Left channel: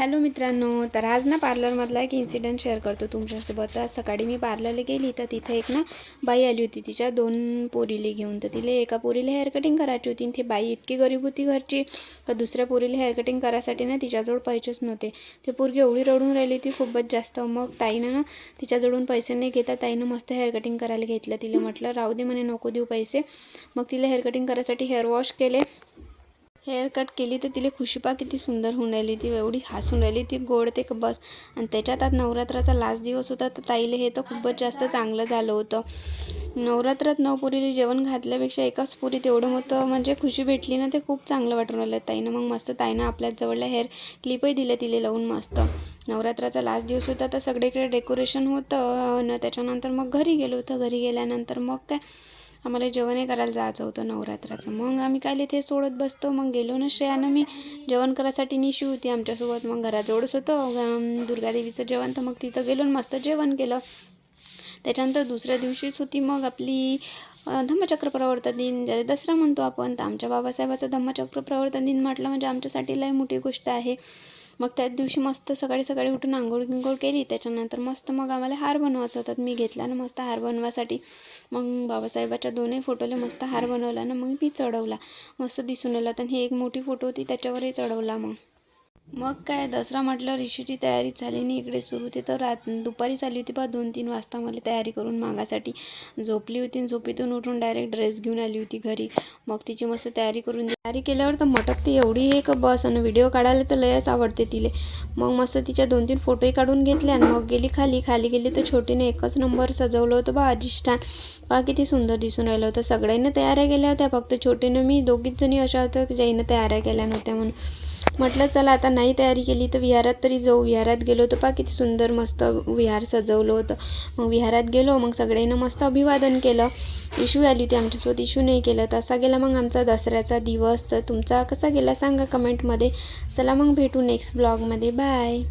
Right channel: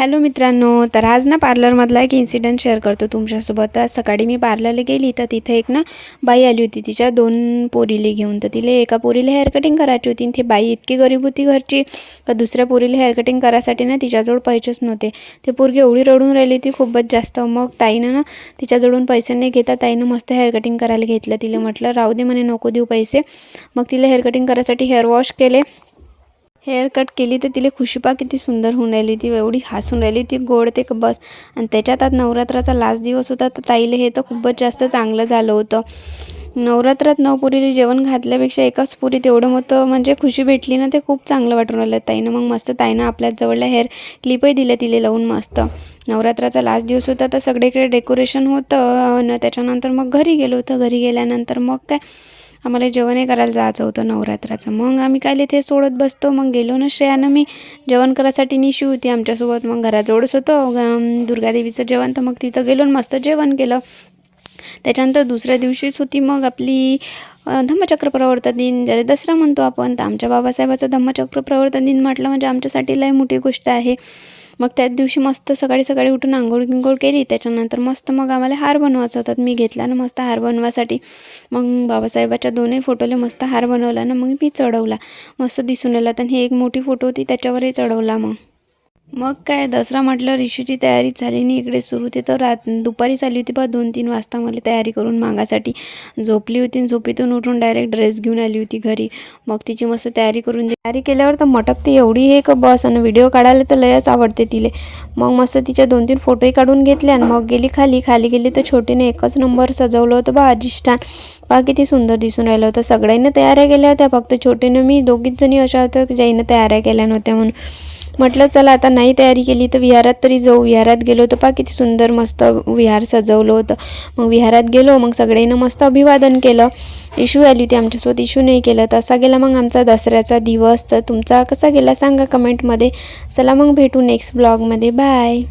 Hello मित्रांनो, तर आज ना पार्लरमधला एक इन्सिडेंट शेअर करतो तुमच्यासोबत। आज सकाळी मी पार्लरला गेली तर तिथे एक ना बाई आली होती तिच्या 2 पोरीले घेऊन। तर तिला एका पोरीला हेअर कटिंग करायची होती। ती बाई इतकी गरीब होती घरची का दुसऱ्या पोरीला हेअर कटिंग करायसाठी ना तिच्याजवळ पैसेच नव्हते। ते पोरगी एवढी रडून राहिली ती खूपच जास्त। मग ताईनं ना तिच्याजवळून पैसे नाही घेता ताईनं मस्त हेअर कटिंग करायला घेतलं। तिला म्हटलं राहू दे म्हणे, नको देऊ पैसे। मग तिला हेअर कटिंग करायसाठी हेअर वॉश केले, हेअर कट केली तर तिला खुशीपा किती सुंदर होऊन राहिली। ती एवढी हसून राहिली, ती गोडते का बस। आणि त्याच्यात आज नवरात्राचा लास्ट दिवस होता तर ताईला हे तर खूपच जास्त चांगलं झालं होतं। नवरात्रात 9 पुरीला जेवण घातल्यापेक्षा एकाच पुरीत एवढं मोठं म्हणजे खुशी भेटली ना, ते खूप चांगलं वाटून राहिलं ताईनं। मग मस्त ताईनं आपल्याच जवळला हेअर क्लिपही दिले तिला लावून मस्त। नवरात्राचा लास्ट दिवस होता तर सगळीकडे डेकोरेशन होतं आणि त्याच्यानंतर मग घरी गेलो होतो। घरी गेल्यानंतर मग काय आम्हाला जेवणही करायला जायचं होतं नवरात्राचं। मग आम्ही काय ते सोडत बसतो। मग गेलो ना श्रेयानं मी जेवण करायसाठी, निशी होती आमच्यासोबत। मग घराजवळच होतं दुर्गादेवीचं जेवण, तर मग तिथं गेलो मस्त जेवण केलं। त्याच्यानंतर दुसऱ्या दिवशीच होती मग आपली धम्मचक्र प्रवर्तन दिन, ज्याला दसरा म्हणतो आपण। तर आमच्या बाबासाहेबाचा धम्मचक्र प्रवर्तन दिन म्हटलं म्हणजे आमच्यासाठी लय मोठी गोष्ट आहे। मग त्याच दिवशी मस्त सकाळी सकाळी उठून आंघोळ गिंघोळ केली। त्याच्यानंतर मस्त मग आम्हाला हार बनवायचा होता, मी घेतला ना मस्त हार बनवासाठी। मग बाबासाहेबाच्या 2ही फोटोला मस्त हार बनवला ना, मग मी चढवला, मस्त दिसून आला। तर ही एक मोठी फोटो होती त्याच्यावरही चढवला। मग काय दसरा म्हटलं रिशूची तयारी झाली नाही इकडे सुरू। ते तर दुपारी झाली होती 2-3 वाजता मला तयारी करून मागासाठी झोपली होती। झोपेतून उठून डायरेक्ट ड्रेस घेऊन आली होती घरी। मग तिची मस्त तयारी करून तयारी केल्यावर तर मटकते एवढी एक बस। आणि व्हिडिओ काढायला तर लयच आवडते तिले। मग मस्त तिच्या 2-3 फोटोही काढून घेतले आणि मग गेली खाली गेली तर छोटीने एकच नंबर सजवलं होतं बा अधिष्ठान। बा किती सुंदर दिसून राहिलं होतं। सगळ्यांनी तयाऱ्या केल्या होत्या, फक्त छोटीनं मी दोघीच जणी अशा होत्या की ज्याईनं तयाऱ्या केल्या नव्हत्या। म्हणून म्हटलं चला आता नाही तयारी केली तर विहारात तरी जाऊ। विहारात गेलो तर पहा किती सुंदर मस्त विहार सजवलं होतं। मग विहारात गेलो, मग सगळ्यांनी मस्त अभिवादन केलं। इशू आली होती आमच्यासोबत, इशू नाही केलं। तर असा गेला मग आमचा दसऱ्याचा दिवस। तर तुमचा कसा गेला सांगा कमेंटमध्ये। चला मग भेटू नेक्स्ट ब्लॉगमध्ये, बाय।